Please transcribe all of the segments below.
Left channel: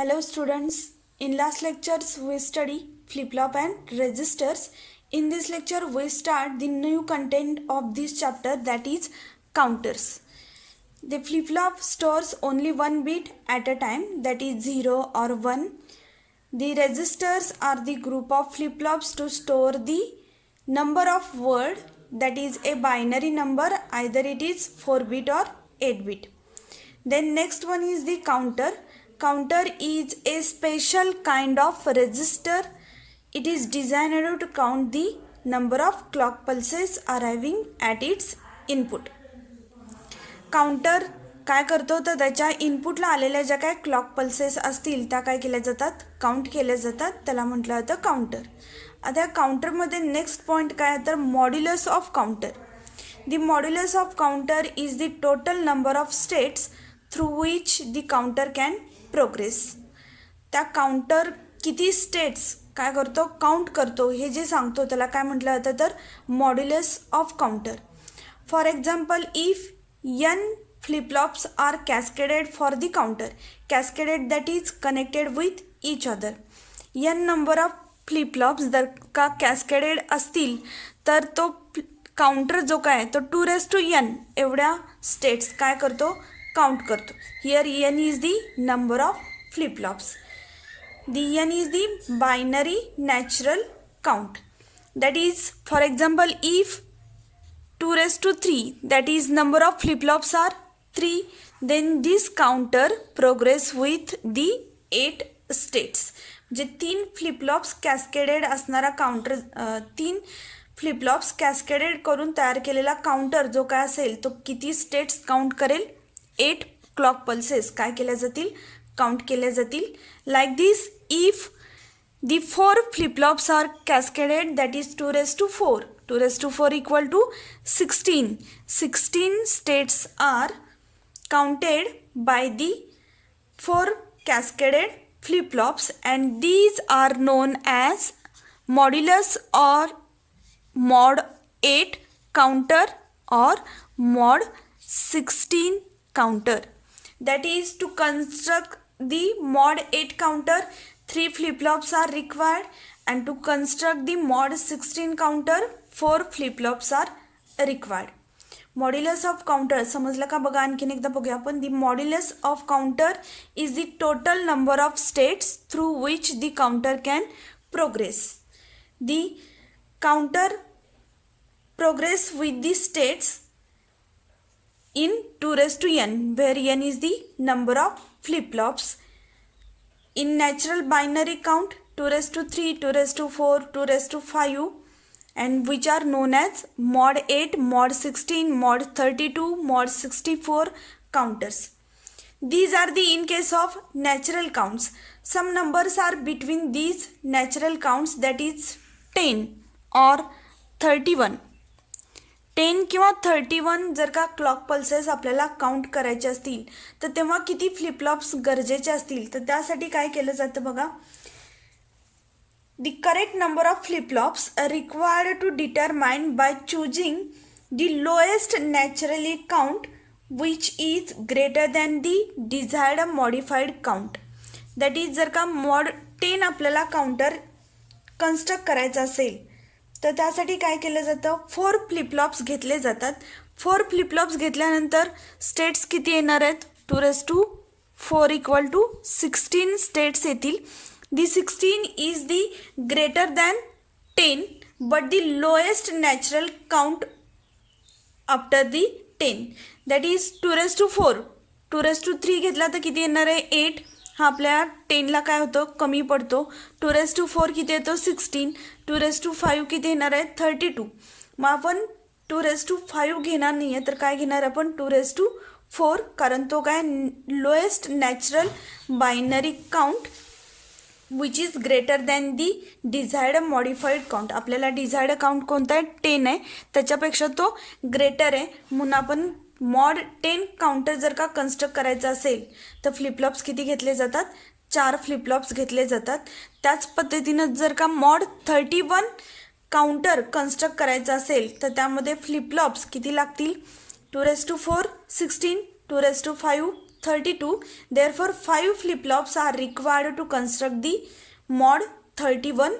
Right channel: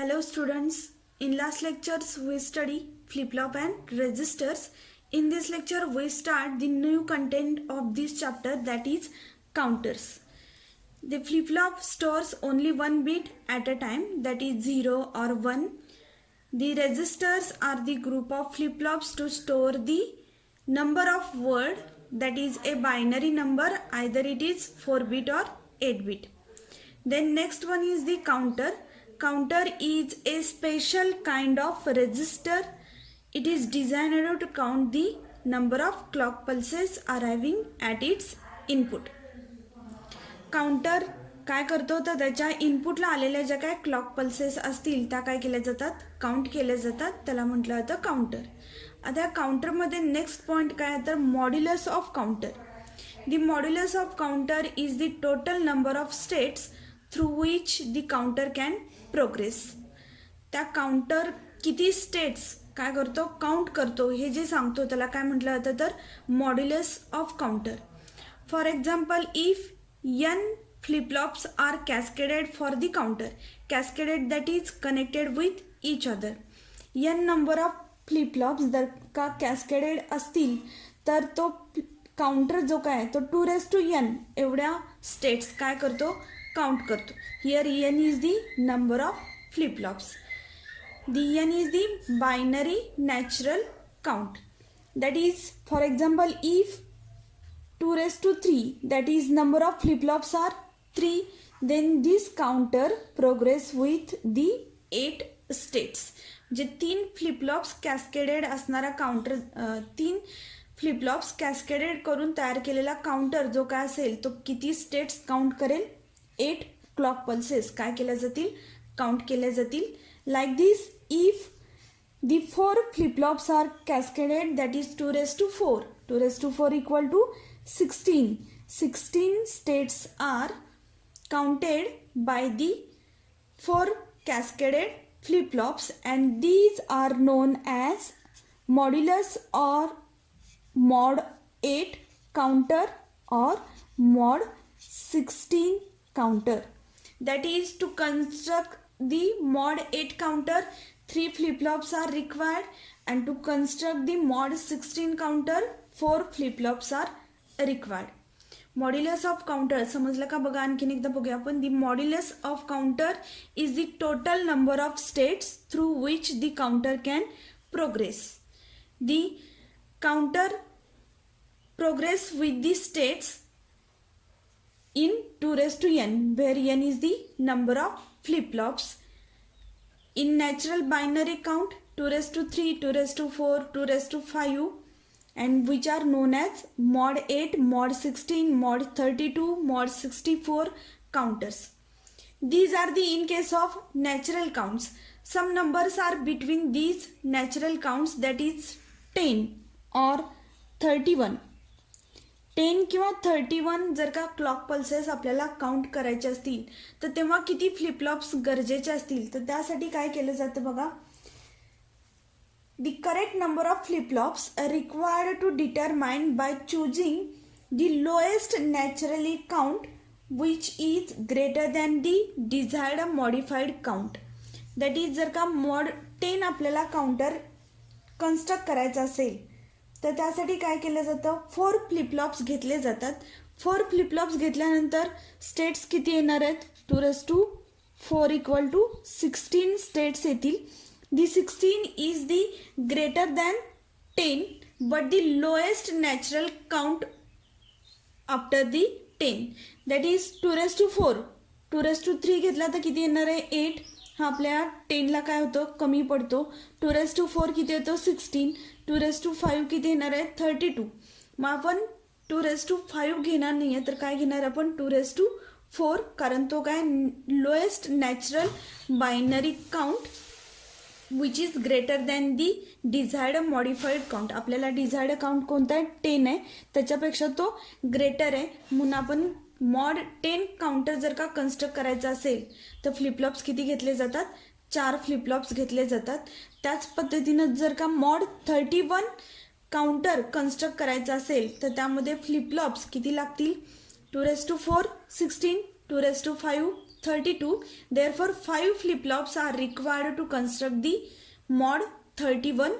Hello students, in last lectures we study flip-flop and registers. In this lecture we start the new content of this chapter, that is counters. The flip-flop stores only one bit at a time, that is 0 or 1. The registers are the group of flip-flops to store the number of word, that is a binary number, either it is 4-bit or 8-bit. Then next one is the counter. Counter is a special kind of register. It is designed to count the number of clock pulses arriving at its input. Counter काय करतो तर त्याच्या इनपुटला आलेल्या ज्या काय clock pulses असतील त्या काय केल्या जातात, काउंट केल्या जातात, त्याला म्हटलं जातं काउंटर. आता काउंटरमध्ये नेक्स्ट पॉईंट काय तर modulus of counter. The modulus of counter is the total number of states through which the counter can progress. त्या काउंटर किती स्टेट्स काय करतो, काउंट करतो, हे जे सांगतो त्याला काय म्हटलं जातं तर modulus of counter. For example, if n flip-flops are cascaded for the counter, cascaded that is connected with each other. n number of flip-flops जर का cascaded असतील तर तो काउंटर जो काय तो 2n एवढ्या स्टेट्स काय करतो, काउंट करतो. Here n is the number of flip-flops. The n is the binary natural count. That is, for example, if 2^3, that is number of flip-flops are 3, then this counter progress with the 8 states. जे 3 flip-flops cascaded असणारा counter, 3 flip-flops cascaded करून तयार केलेला counter जो काय असेल तो किती स्टेट्स काउंट करेल, 8 क्लॉक पल्सेस काय केल्या जातील, काउंट केल्या जातील. Like this, if the 4 flip-flops are cascaded, that is 2^4. 2^4 equal to 16. 16 states are counted by the 4 cascaded flip-flops, and these are known as modulus or mod 8 counter or mod 16 counter. That is, to construct the mod 8 counter, 3 flip-flops are required, and to construct the mod 16 counter 4 flip-flops are required. Modulus of counter समजलं का, बघा आणखीन एकदा बघूया आपण. the modulus of counter is the total number of states through which the counter can progress. The counter progress with the states in 2n, where n is the number of flip-flops. In natural binary count, 2^3, 2^4, 2^5, and which are known as mod 8, mod 16, mod 32, mod 64 counters. These are the in case of natural counts. Some numbers are between these natural counts, that is 10 or 31. 10 किंवा 31 जर का clock pulses आपल्याला count करायचे असतील तर तेव्हा किती flip flops गरजेचे असतील, तर त्यासाठी काय केलं जातं बघा. The correct number of flip-flops required to determine by choosing the lowest naturally count which is greater than the desired modified count. That is, जर का मॉड 10 आपल्याला काउंटर कन्स्ट्रक्ट करायचं असेल तर त्यासाठी काय केलं जातं, 4 फ्लिपफ्लॉप्स घेतले जातात. 4 फ्लिपफ्लॉप्स घेतल्यानंतर स्टेट्स किती येणार आहेत, 2^4 इक्वल टू 16 स्टेट्स येतील. दी 16 is the greater than 10 but the lowest natural count after the 10. That is 2^4. 2^3 घेतला तर किती येणार आहे, 8. हा आपल्या 10ला काय होतं, कमी पडतो. 2^4 किती येतो, 16. 2^5 किती येणार आहे, 32. मग आपण 2^5 घेणार नाही आहे तर काय घेणार आपण, 2^4, कारण तो काय lowest natural binary count which is greater than the desired modified count. आपल्याला डिझायर्ड काउंट कोणता आहे, 10 आहे, त्याच्यापेक्षा तो ग्रेटर आहे, म्हणून आपण मॉड 10 काउंटर जर का कन्स्ट्रक्ट करायचं असेल तर फ्लिपफ्लॉप्स किती घेतले जातात, 4 फ्लिपफ्लॉप्स घेतले जातात. त्याच पद्धतीनं जर का मॉड 31 काउंटर कन्स्ट्रक्ट करायचं असेल तर त्यामध्ये फ्लिपफ्लॉप्स किती लागतील, 2^4, 16, 2^5, 32. Therefore 5 flip-flops are required to construct the mod 31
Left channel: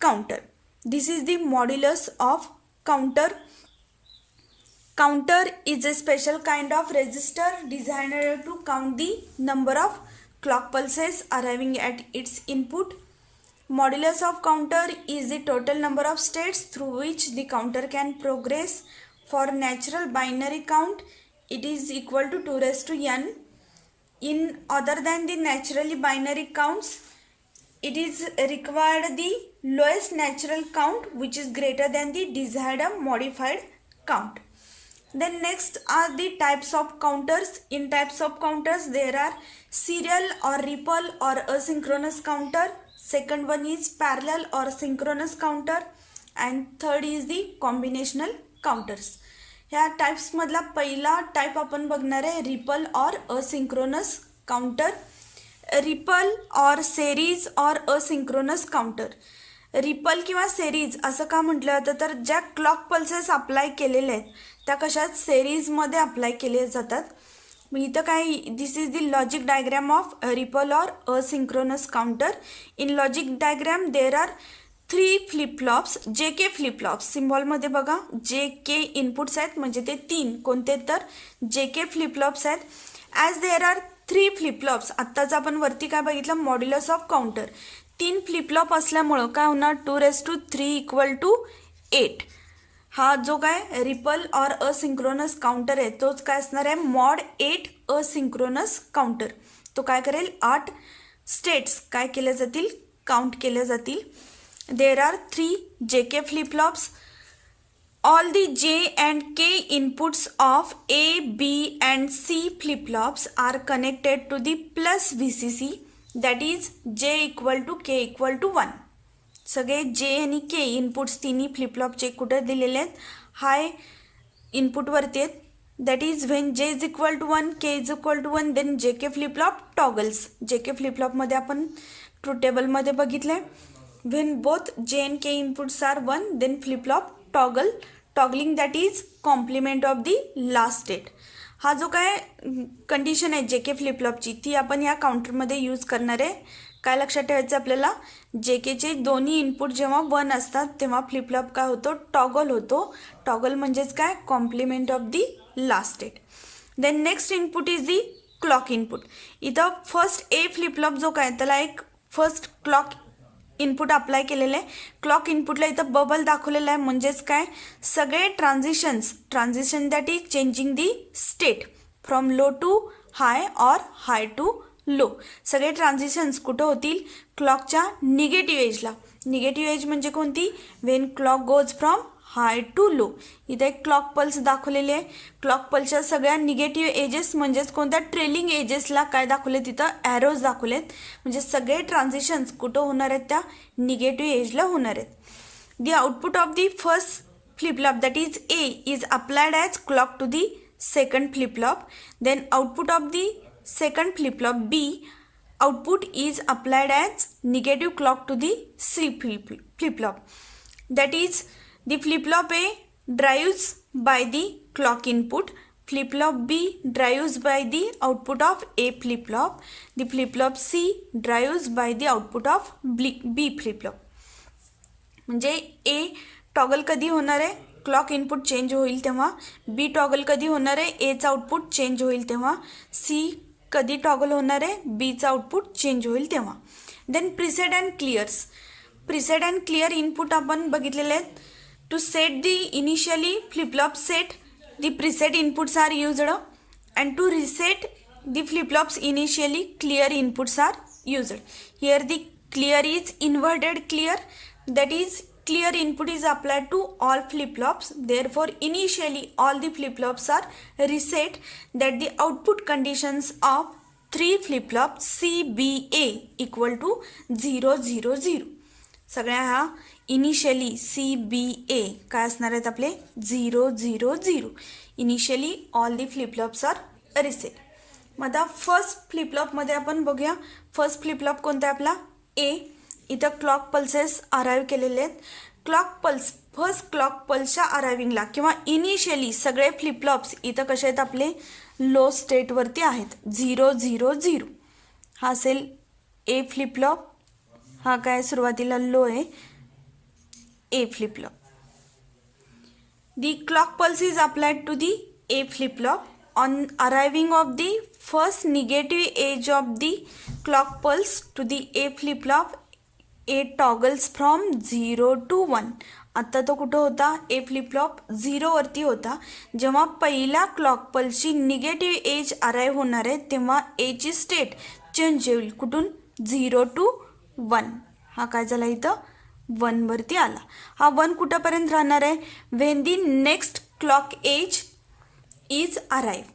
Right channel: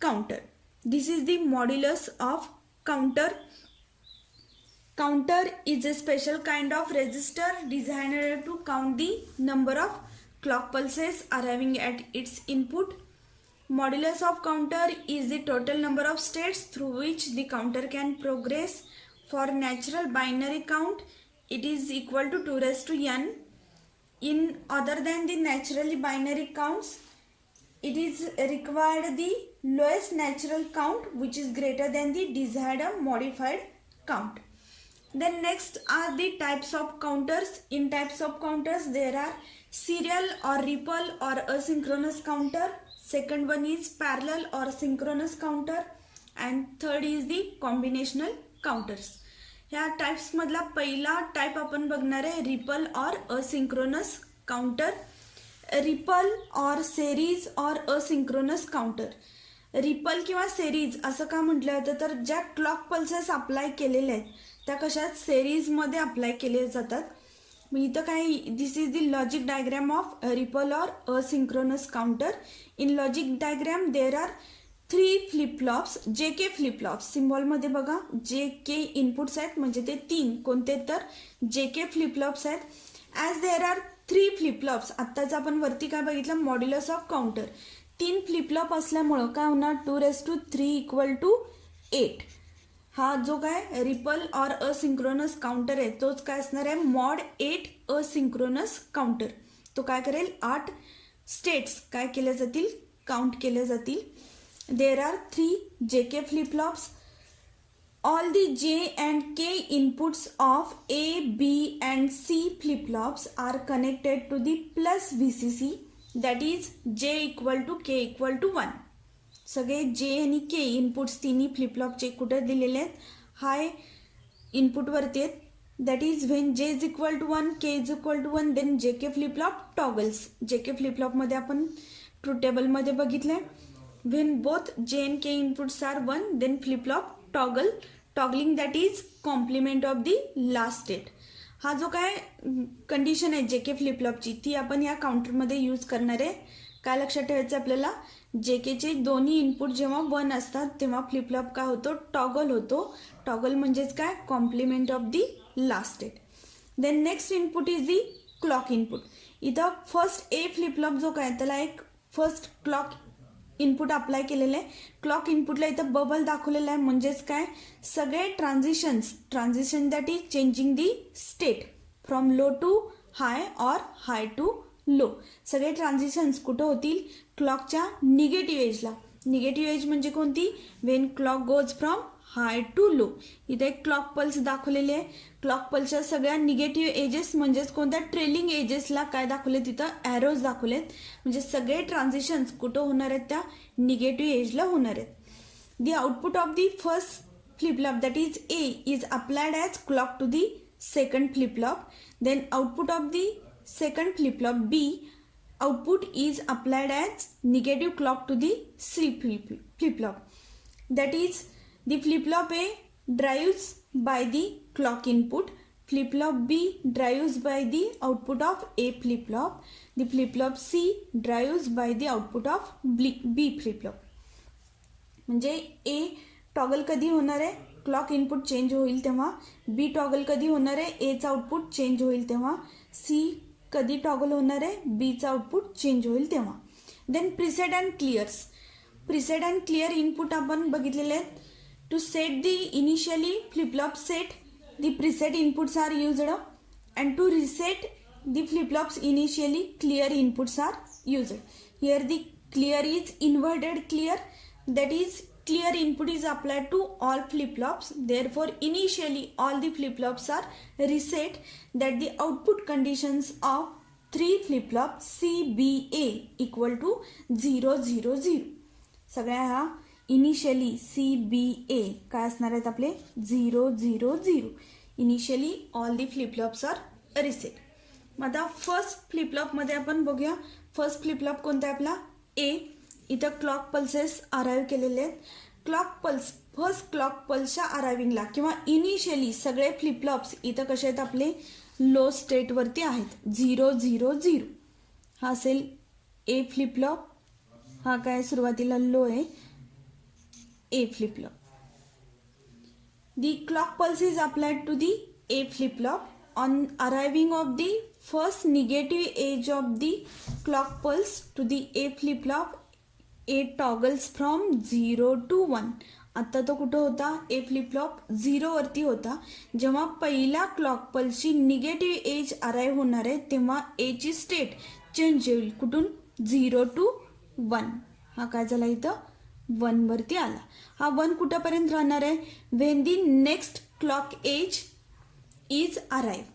counter. This is the modulus of counter. Counter is a special kind of register designed to count the number of clock pulses arriving at its input. Modulus of counter is the total number of states through which the counter can progress. For natural binary count, it is equal to 2 raised to n. In other than the naturally binary counts, it is required the lowest natural count which is greater than the desired modified count. Then next are the types of counters. In types of counters, there are serial or ripple or asynchronous counter. Second one is parallel or synchronous counter, and third is the combinational counters. ह्या types मधला पहिला type आपण बघणार आहे ripple or asynchronous counter. Ripple और series और asynchronous counter. Ripple किंवा series असं का म्हटलं जातं तर ज्या क्लॉक पल्सेस अप्लाय केलेले आहेत त्या कशात सेरीजमध्ये अप्लाय केले जातात. इथं काय this is the logic diagram of ripple or asynchronous counter. In logic diagram there are 3 flip-flops. J K flip flops सिम्बॉलमध्ये बघा जे के इनपुट्स आहेत म्हणजे ते 3 कोणते तर जे के फ्लिपफ्लॉप्स आहेत. As there are 3 flip flops. आत्ताच आपण वरती काय बघितलं मॉड्युलस ऑफ काउंटर. 3 फ्लिपफ्लॉप असल्यामुळं काय होणार 2 raised to 3 equal to 8. हा जो काय रिपल और असिंक्रोनस काउंटर आहे तोच काय असणार आहे मॉड 8 असिंक्रोनस काउंटर. तो काय करेल 8 स्टेट्स काय केल्या जातील काउंट केल्या जातील. देर आर 3 जे K flip flops. All the J and K inputs of A, B and C flip-flops are connected to the plus VCC, that is J equal to K equal to 1. सगळे J आणि K inputs तिन्ही फ्लिपफ्लॉपचे कुठे दिलेले आहेत high इनपुटवरती आहेत. That is when J is equal to 1 K is equal to 1 then J K flip-flop toggles. जे के फ्लिपफ्लॉपमध्ये आपण ट्रूथ टेबलमध्ये बघितलं आहे when both J and K inputs are 1 then flip flop toggling that is complement of the last state. हा जो काय condition आहे जे के फ्लिपफ्लॉपची ती आपण या काउंटरमध्ये यूज करणार आहे. काय लक्षात ठेवायचं आपल्याला जे केचे दोन्ही इनपुट जेव्हा 1 असतात तेव्हा फ्लिपफ्लॉप काय होतो टॉगल होतो. टॉगल म्हणजेच काय complement of the last state. Then next input is the clock input. इथं फर्स्ट ए फ्लिपफ्लॉप जो काय त्याला एक फर्स्ट क्लॉक इनपुट अप्लाय केलेलं आहे. क्लॉक इनपुटला इथं बबल दाखवलेला आहे म्हणजेच काय सगळे transition that is changing the state from low to high or high to low. सगळे ट्रान्झिशन्स कुठं होतील क्लॉकच्या निगेटिव्ह एजला. निगेटिव्ह एज म्हणजे कोणती when clock goes from high to low. इथे एक क्लॉक पल्स दाखवलेली आहे. क्लॉक पल्सच्या सगळ्या निगेटिव्ह एजेस म्हणजेच कोणत्या ट्रेलिंग एजेसला काय दाखवले तिथं ॲरोज दाखवलेत. म्हणजे सगळे ट्रान्झिशन्स कुठं होणार आहेत त्या निगेटिव्ह एजला होणार आहेत. The output of the first flip flop that is A is applied as clock to the second flip flop. Then output of the second flip-flop B output is applied as negative clock to the C flip-flop. That is the flip-flop A drives by the clock input. Flip-flop B drives by the output of A flip-flop. The flip-flop C drives by the output of B flip-flop. म्हणजे A toggle कधी होणार आहे clock input change होईल तेव्हा. B toggle कधी होणार आहे Aचं output change होईल तेव्हा. C कधी टॉगल होणार आहे बीचं आउटपुट चेंज होईल तेव्हा. Then preset and clears. Preset and clear input आपण बघितलेले आहेत. To set the initially flip-flop set the preset inputs are used and to reset the flip-flops initially clear inputs are used. Here the clear is inverted clear that is clear input is applied to all flip-flops. Therefore, initially all the flip-flops are reset that the output conditions of 3 flip-flops C, B, A equal to 0, 0, 0. सगळ्या हा initially C, B, A काय असणार आहेत आपले 0, 0, 0. Initially all the flip-flops are reset. मग आता first फ्लिपफ्लॉपमध्ये आपण बघूया. फर्स्ट फ्लिपफ्लॉप कोणता आहे आपला A. इथं क्लॉक पल्सेस अराईव्ह केलेले आहेत. क्लॉक पल्स फर्स्ट क्लॉक पल्सच्या अरायविंगला किंवा इनिशियली सगळे फ्लिपफ्लॉप्स इथं कसे आहेत आपले लो स्टेटवरती आहेत. 0 0 0 हा असेल ए फ्लिपफ्लॉप. हा काय सुरुवातीला लो आहे ए flip-flop. The clock pulse is applied to the A flip-flop. On arriving of the first negative edge of the clock pulse to the A flip-flop, A toggles from 0 to 1. आता तो कुठं होता? ए flip-flop 0 वरती होता. जेव्हा पहिला clock पल्सची negative edge arrive होणार आहे तेव्हा ए ची स्टेट चेंज होईल. कुठून? 0 to 1. हा काय झाला इथं? 1 वरती आला. हा 1 कुठपर्यंत राहणार आहे? When the next clock edge is arrive.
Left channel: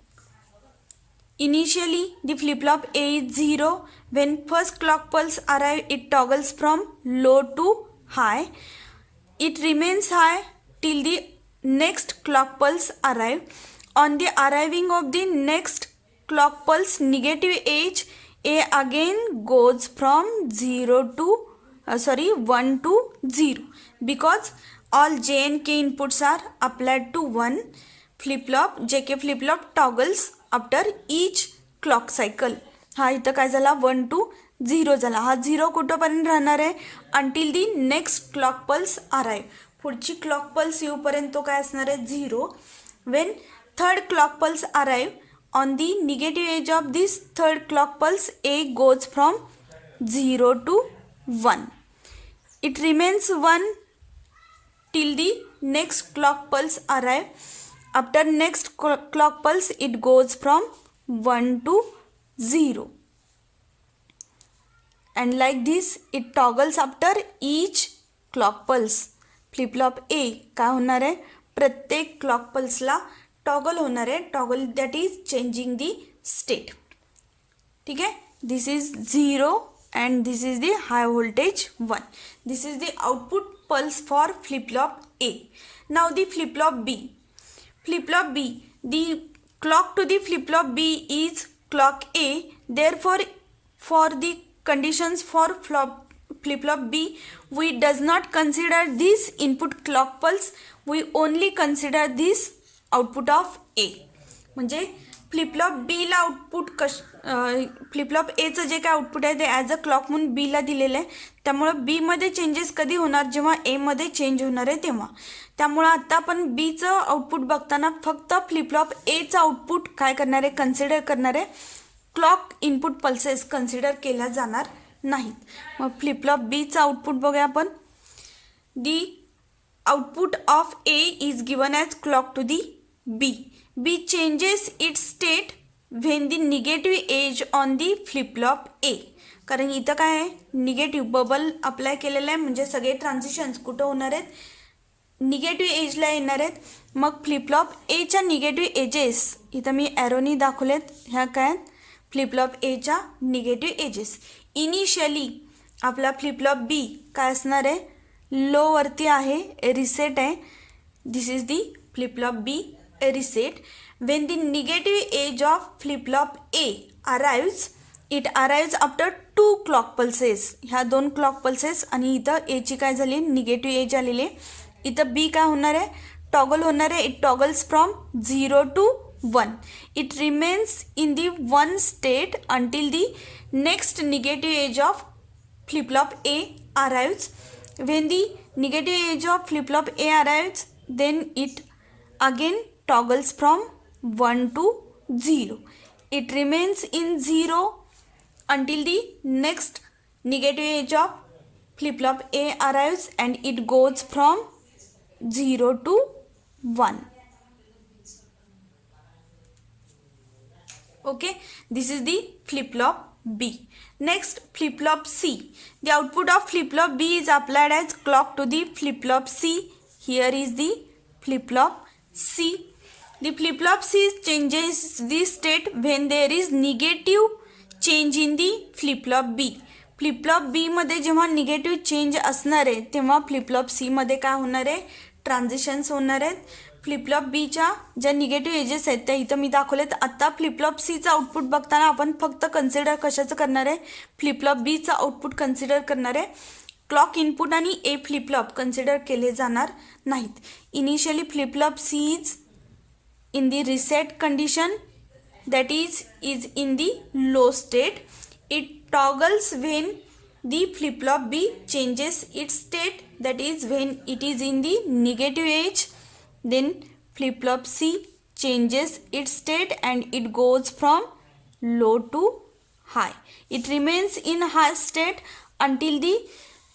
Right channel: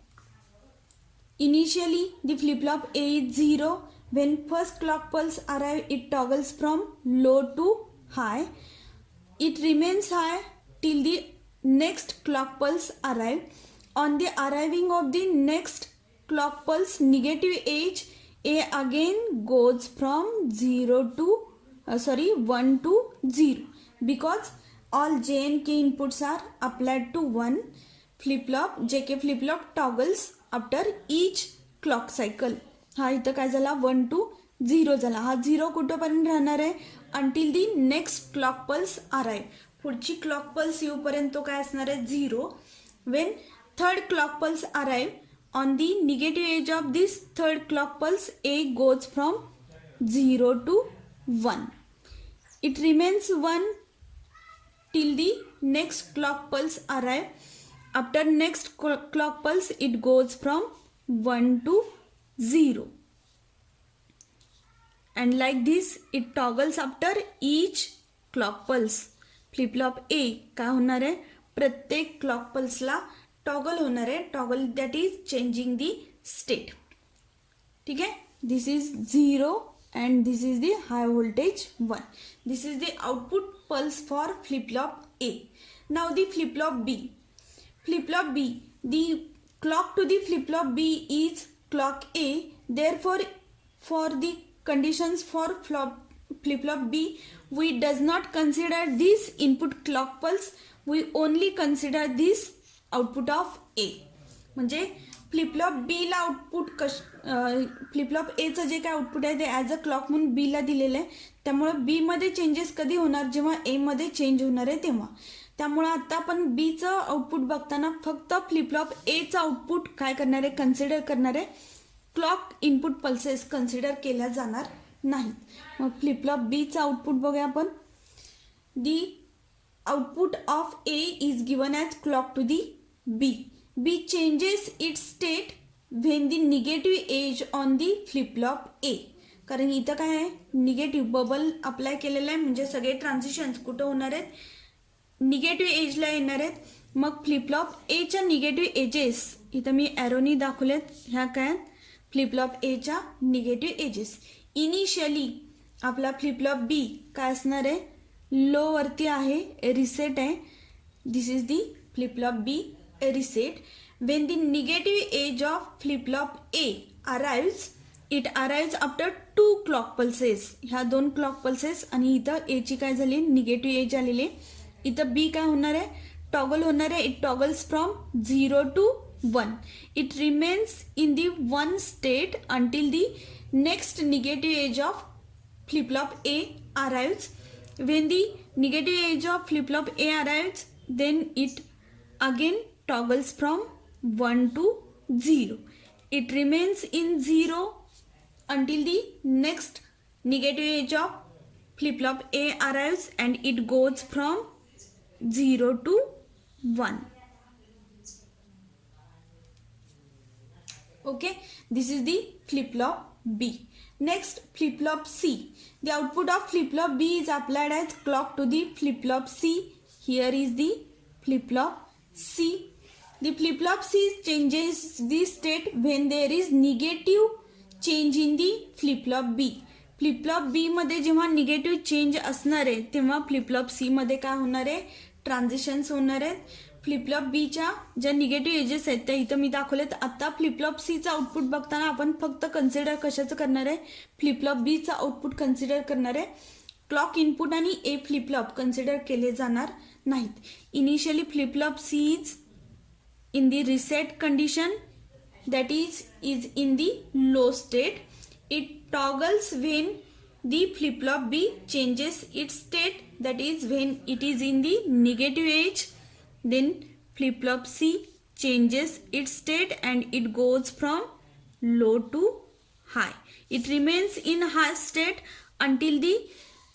Initially the flip flop A is 0. When first clock pulse arrive it toggles from low to high. It remains high till the next clock pulse arrive. On the arriving of the next clock pulse, negative edge A again goes from 1 to 0 because all J and K inputs are applied to one flip-flop. JK flip-flop toggles after each clock cycle. हा इथं काय झाला? 1 to 0 झाला. हा 0 कुठंपर्यंत राहणार आहे? Until दी next clock pulse arrive. पुढची क्लॉक पल्स येऊपर्यंत तो काय असणार आहे? 0. Wien third clock pulse arrive on the negative edge of this third clock pulse A goes from 0 to 1. It remains 1 till the next clock pulse arrive. After next clock pulse it goes from 1 to 0. And like this it toggles after each clock pulse. Flip-flop A काय होणार आहे? प्रत्येक clock पल्सला toggle होणार आहे. Toggle that is changing the state. ठीक आहे. This is 0 and this is the high voltage 1. This is the output pulse for flip-flop A. Now the flip-flop B. Flip-flop B. The clock to the flip-flop B is clock A. Therefore, for the conditions for flip-flop B, we does not consider this input clock pulse. We only consider this output of A. म्हणजे flip-flop बी ला output flip-flop एचं जे काय output आहे ते as a clock म्हणून बी ला दिलेलं आहे. त्यामुळं बी मध्ये चेंजेस कधी होणार? जेव्हा ए मध्ये चेंज होणार आहे तेव्हा. त्यामुळं आता आपण बीचं आउटपुट बघताना फक्त फ्लिपफ्लॉप एचं आउटपुट काय करणार आहे? कन्सिडर करणार आहे. क्लॉक इनपुट पल्सेस कन्सिडर केल्या जाणार नाहीत. मग फ्लिपफ्लॉप बीचं आउटपुट बघूया आपण. The output of A is given as clock to the B. B changes its state when the negative edge on the flip-flop A. कारण इथं काय आहे? निगेटिव्ह बबल अप्लाय केलेला आहे म्हणजे सगळे ट्रान्झिशन्स कुठं होणार आहेत? निगेटिव्ह एजला येणार आहेत. मग फ्लिपफ्लॉप एच्या निगेटिव्ह एजेस इथं मी ॲरोनी दाखवलेत. ह्या काय? फ्लिपफ्लॉप एच्या निगेटिव्ह एजेस. इनिशियली आपला फ्लिपफ्लॉप बी काय असणार आहे? लो वरती आहे, रिसेट आहे. This is the flip-flop B reset. When the negative edge of flip-flop A arrives, it arrives after 2 clock pulses. ह्या 2 clock pulses आणि इथं A ची काय झाली? निगेटिव्ह एज आलेली. इथं B काय होणार आहे? टॉगल होणार आहे. It toggles from 0 to 1. It remains in the 1 state until the next negative edge of flip-flop A arrives. When the negative edge of flip-flop A arrives, then it again toggles from 1 to 0. It remains in 0 until the next negative edge of flip-flop A arrives and it goes from 0 to 1. Okay, this is the flip-flop B. Next, flip-flop C. The output of flip-flop B is applied as clock to the flip-flop C. Here is the flip-flop C. The flip-flop C changes the state when there is negative change in the flip-flop B. Flip-flop B मध्ये जेव्हा negative change असणार आहे तेव्हा flip-flop C मध्ये काय होणार आहे? Transitions होणार आहेत. फ्लिपफ्लॉप बीच्या ज्या निगेटिव्ह एजेस आहेत त्या इथं मी दाखवलेत. आता फ्लिपफ्लॉप सीचं आउटपुट बघताना आपण फक्त कन्सिडर कशाचं करणार आहे? फ्लिपफ्लॉप बीचं आउटपुट कन्सिडर करणार आहे. क्लॉक इनपुट आणि ए फ्लिपफ्लॉप कन्सिडर केले जाणार नाहीत. Initially flip flop C is in the reset condition that is in the low state. It toggles when the flip-flop B changes its state, that is when it is in the negative edge. Then flip-flop C changes its state and it goes from low to high. It remains in high state until the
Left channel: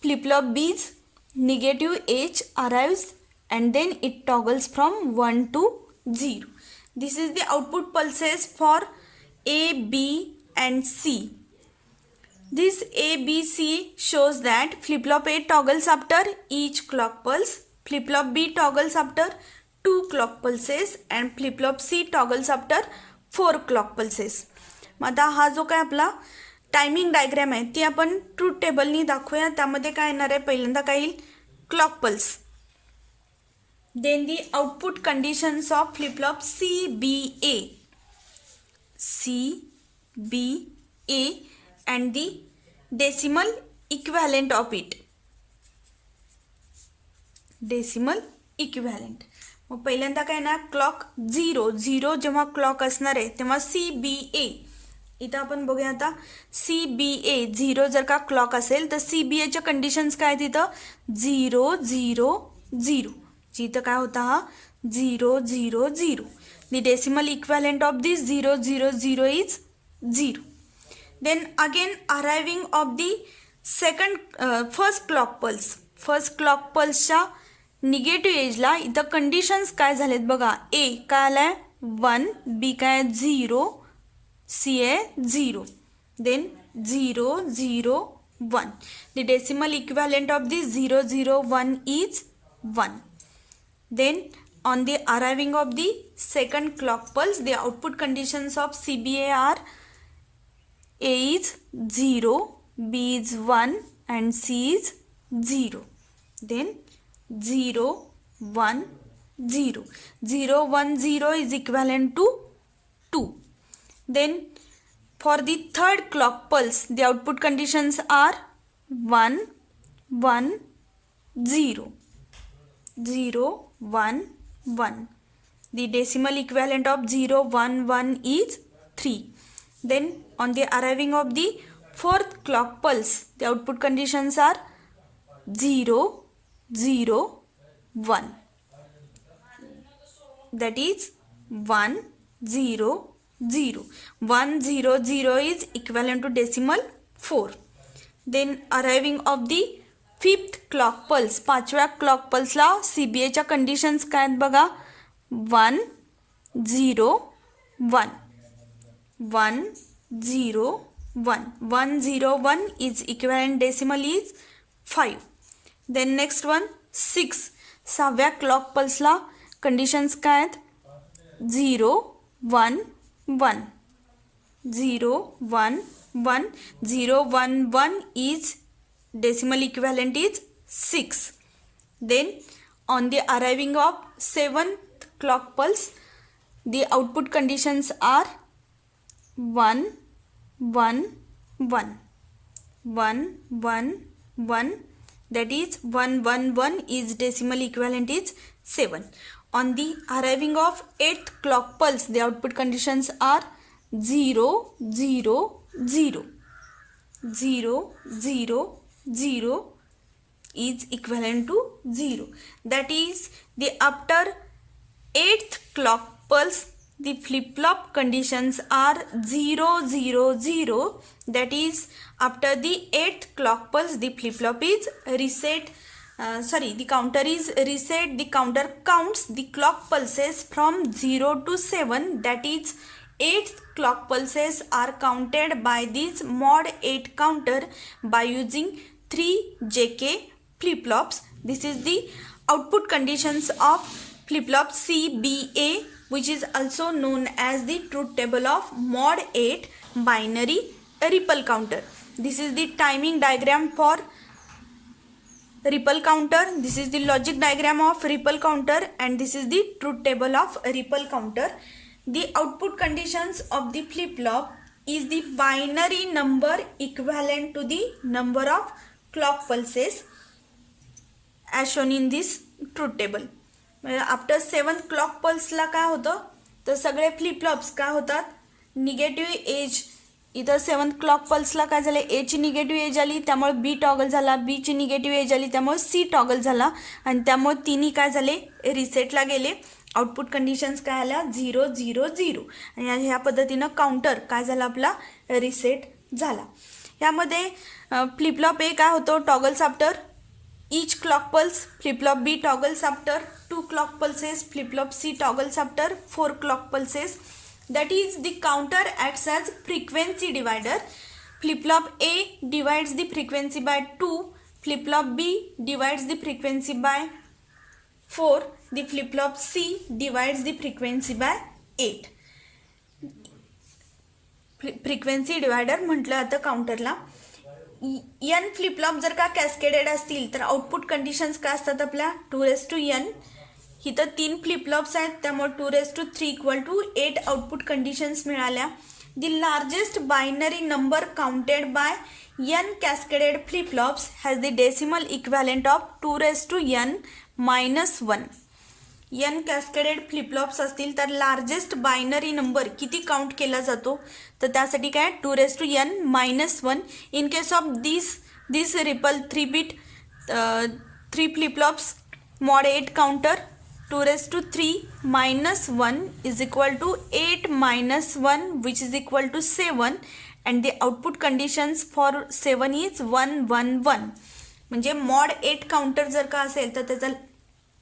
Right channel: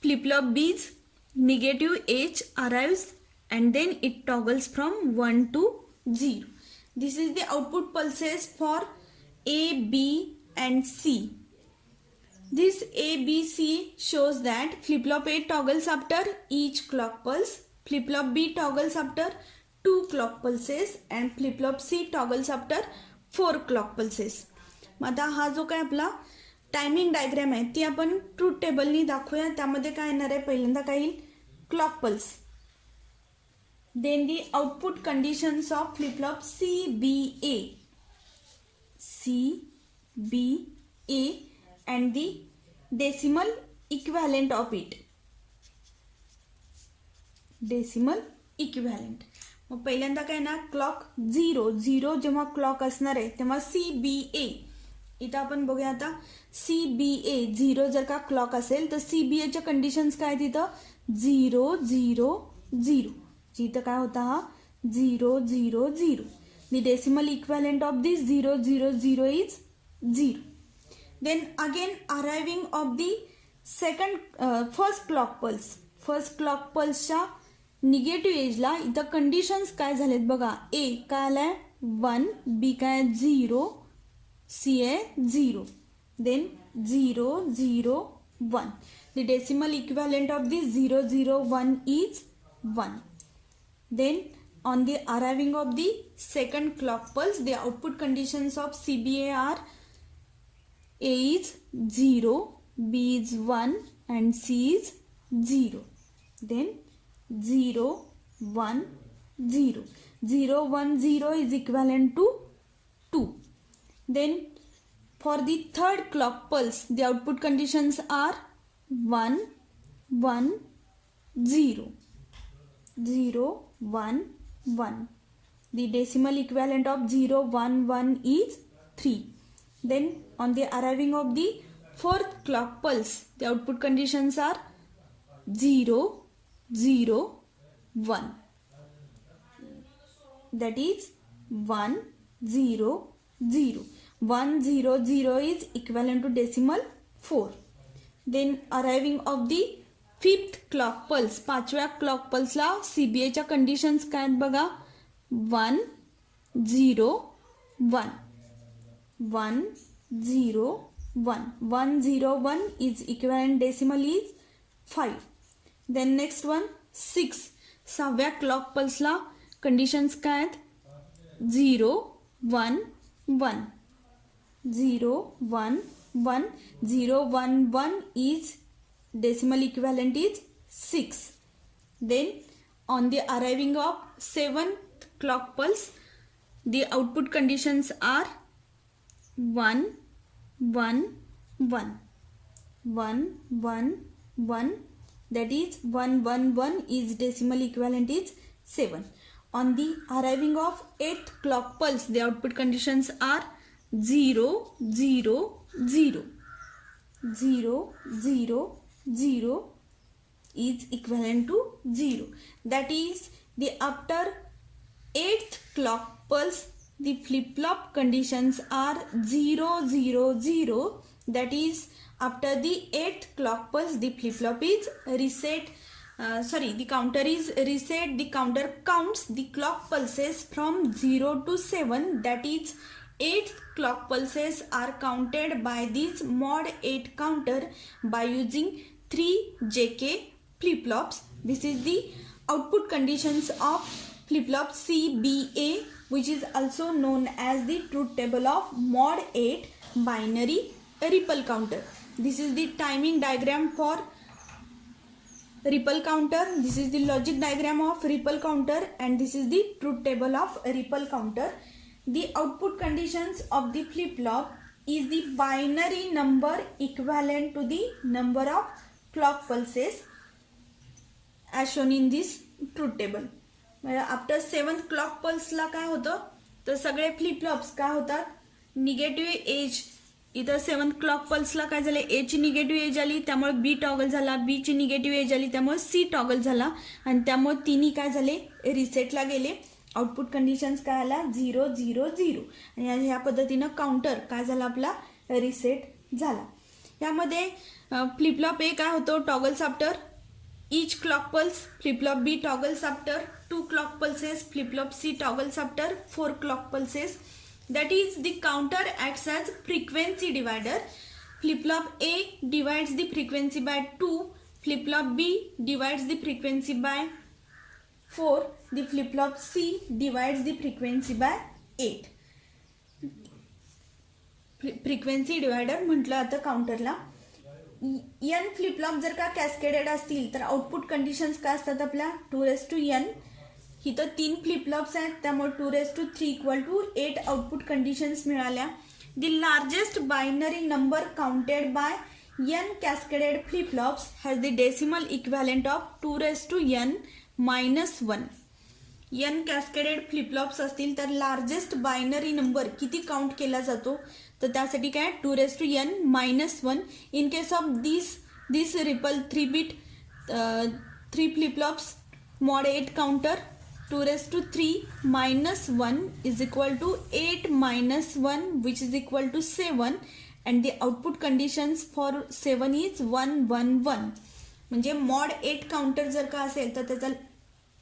flip-flop B's negative edge arrives, and then it toggles from 1 to 0. This is the output pulses for A, B and C. This A, B, C shows that flip-flop A toggles after each clock pulse, flip-flop B toggles after 2 clock pulses and flip-flop C toggles after 4 clock pulses. आता हा जो काय आपला timing diagram आहे ती आपण truth टेबलनी दाखवूया. त्यामध्ये काय येणार आहे, पहिल्यांदा काय येईल, clock pulse. Then the output conditions of flip flop C, B, A. C, B, A and the decimal equivalent of it. Decimal equivalent. मग पहिल्यांदा काय ना, क्लॉक 0 जेव्हा क्लॉक असणार आहे तेव्हा CBA. इथं आपण बघूया आता CBA 0 जर का क्लॉक असेल तर CBA च्या कंडिशन्स काय तिथं 0 0 0. जिथं काय होता हा 0 0 0. The decimal equivalent of this 0 0 0 is 0. Then again arriving of the first clock pulse. First clock पल्सच्या निगेटिव्ह एजला इथं कंडिशन्स काय झालेत बघा. A काय आलाय 1, B काय 0, C आहे 0. Then 0 0 1. The decimal equivalent of this 0 0 1 is 1. Then on the arriving of the second clock pulse, the output conditions of CBA are A is 0, B is 1 and C is 0. Then 0 1 0. 0 1 0 is equivalent to 2. Then for the third clock pulse, the output conditions are 1 1 0. 0 1 1. The decimal equivalent of 0 1 1 is 3. Then on the arriving of the fourth clock pulse, the output conditions are 0 0 1. That is 1 0 0. 1 0 0 is equivalent to decimal 4. Then arriving of the fifth clock pulse, पाचव्या clock पल्सला CBA च्या conditions काय आहेत बघा. 1 0 1. 1 0 1. 1 0 1 is equivalent decimal is 5. Then next one 6. सहाव्या clock पल्सला conditions काय आहेत 0 1 1. 0 1 1. 0 1 1 is decimal equivalent is 6. Then on the arriving of 7th clock pulse, the output conditions are 1 1 1. 1 1 1. That is 1 1 1 is decimal equivalent is 7. On the arriving of 8th clock pulse, the output conditions are 0 0 0. 0 0 0 is equivalent to 0. That is the after 8th clock pulse, the flip-flop conditions are 0 0 0. That is after the 8th clock pulse, the flip-flop is reset. The counter is reset. The counter counts the clock pulses from 0 to 7. That is 8th clock pulses are counted by this mod 8 counter by using 3 JK flip-flops. This is the output conditions of flip-flop CBA, which is also known as the truth table of mod 8 binary ripple counter. This is the timing diagram for ripple counter. This is the logic diagram of ripple counter, and this is the truth table of ripple counter. The output conditions of the flip-flop is the binary number equivalent to the number of clock pulses as shown in this truth table. After 7th clock pulse ला काय होतं तर सगळे flip flops काय होतात negative edge इथं 7th clock पल्सला काय झालं, एची निगेटिव्ह एज आली त्यामुळे बी टॉगल झाला, बीची निगेटिव्ह एज आली त्यामुळे सी टॉगल झाला आणि त्यामुळे तिन्ही काय झाले रिसेटला गेले. आउटपुट कंडिशन्स काय आल्या 0 0 0 आणि ह्या पद्धतीनं काउंटर काय झाला आपला रिसेट झाला. यामध्ये फ्लिपफ्लॉप ए काय होतो toggles after each clock pulse, flip-flop B toggles after 2 clock pulses, flip-flop C toggles after 4 clock pulses. That is the counter acts as frequency divider. Flip-flop A divides the frequency by 2, flip-flop B divides the frequency by 4, the flip-flop C divides the frequency by 8. Frequency divider म्हटलं आता काउंटरला. n flip-flop जर का cascaded असतील तर output conditions काय असतात आपल्या 2n. इथं 3 फ्लिपफ्लॉप्स आहेत त्यामुळे 2 = 8 आउटपुट कंडिशन्स मिळाल्या. The largest binary number counted by n cascaded flip-flops has the decimal equivalent of 2n - 1. n cascaded flip-flops असतील तर लार्जेस्ट बायनरी नंबर किती काउंट केला जातो तर त्यासाठी काय 2n - 1. In case of this ripple 3-bit 3 flip-flops mod 8 counter 2 - 1 is equal to 8 - 1 which is equal to 7 and the output conditions for 7 is 1 1 1. म्हणजे mod 8 counter जर का असेल तर त्याचा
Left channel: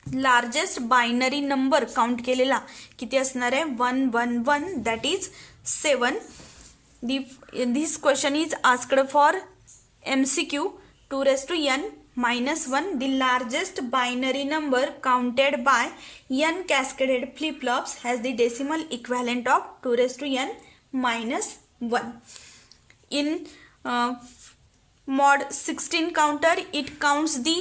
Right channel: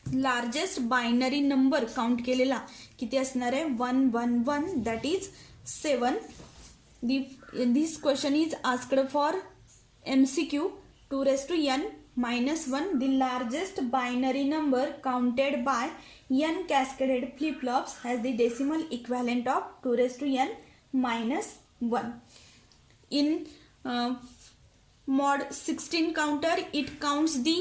लार्जेस्ट बायनरी नंबर काउंट केलेला किती असणार आहे 1 1 1 that is 7. This question is asked for MCQ 2n - 1. The largest binary number counted by n cascaded flip-flops has the decimal equivalent of 2n - 1. In mod 16 counter it counts the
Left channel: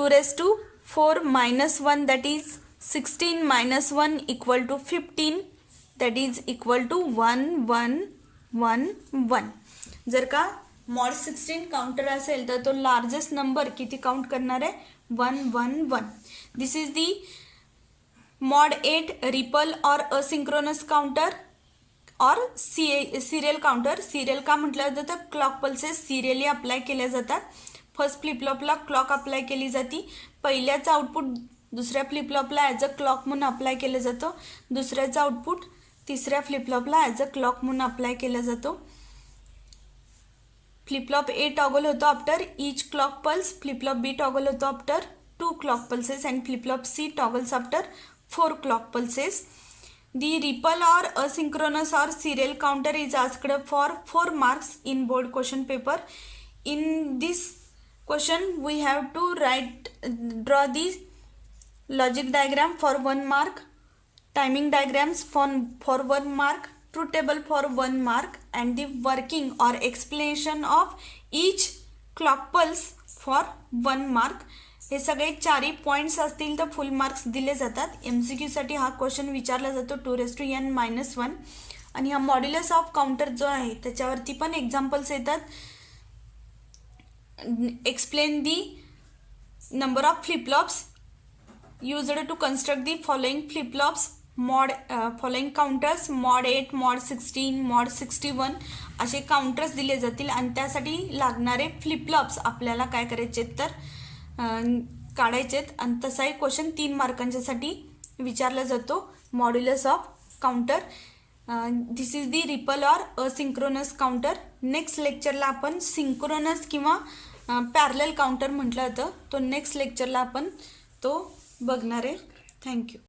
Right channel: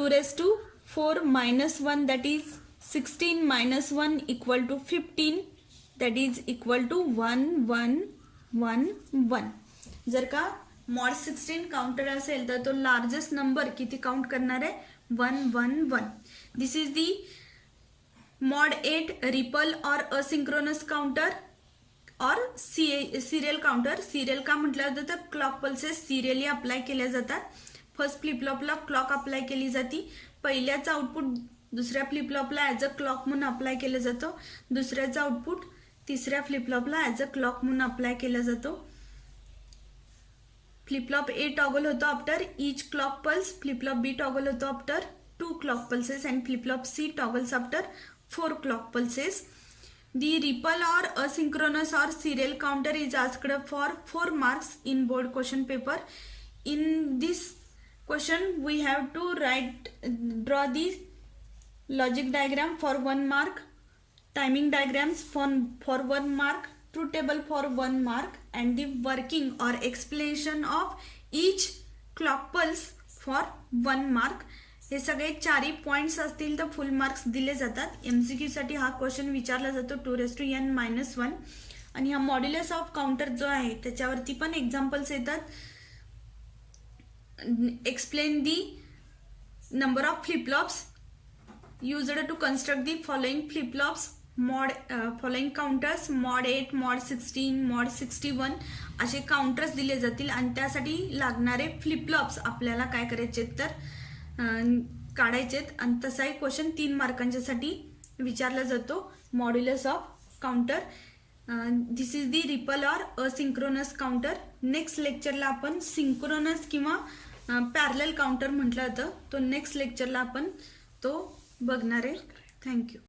2⁴ - 1 that is 16 - 1 equal to 15 that is equal to 1 1 1 1. जर का mod 16 counter असेल तर तो largest number किती count करणार आहे 1 1 1. दिस is the mod 8 ripple or asynchronous counter और serial counter. Serial का म्हटलं जातं तर क्लॉक पल्सेस सिरियली अप्लाय केल्या जातात. फर्स्ट फ्लिपफ्लॉपला क्लॉक अप्लाय केली जाते, पहिल्याचं आउटपुट दुसऱ्या फ्लिपफ्लॉपला ॲज अ क्लॉक म्हणून अप्लाय केलं जातं, दुसऱ्याचं आउटपुट तिसऱ्या फ्लिपफ्लॉपला ॲज अ क्लॉक म्हणून अप्लाय केला जातो. फ्लिपफ्लॉप ए टॉगल होतो after each clock pulse, flip-flop B toggle होतो after 2 clock pulses and flip-flop C toggles after 4 clock pulses. The ripple or asynchronous or serial counter is asked for 4 marks in board question paper. In this question we have to draw the logic diagram for 1 mark, timing diagrams for 1 mark, truth table for 1 mark and the working or explanation of each clock pulse for 1 mark. हे सगळे 4 points असतील तर फुल marks दिले जातात. MCQ साठी हा question विचारला जातो 2n - 1 आणि हा मॉड्युलस ऑफ काउंटर जो आहे त्याच्यावरती पण एक्झाम्पल्स येतात. Explain the number of flip-flops used to construct the following flip-flops, following counters mod 8, mod 16, mod 61 असे काउंटर्स दिले जातील आणि त्यासाठी लागणारे फ्लिपफ्लॉप्स आपल्याला काय करायचे तर काढायचेत आणि तसाही क्वेश्चन 3 मार्कांच्यासाठी विचारला जातो. Modulus of counter. This is the ripple or asynchronous counter. Next लेक्चरला आपण सिंक्रोनस किंवा पॅरलल काउंटर म्हटलं जातं तो नेक्स्ट लेक्चरला आपण तो बघणार आहे. थँक्यू.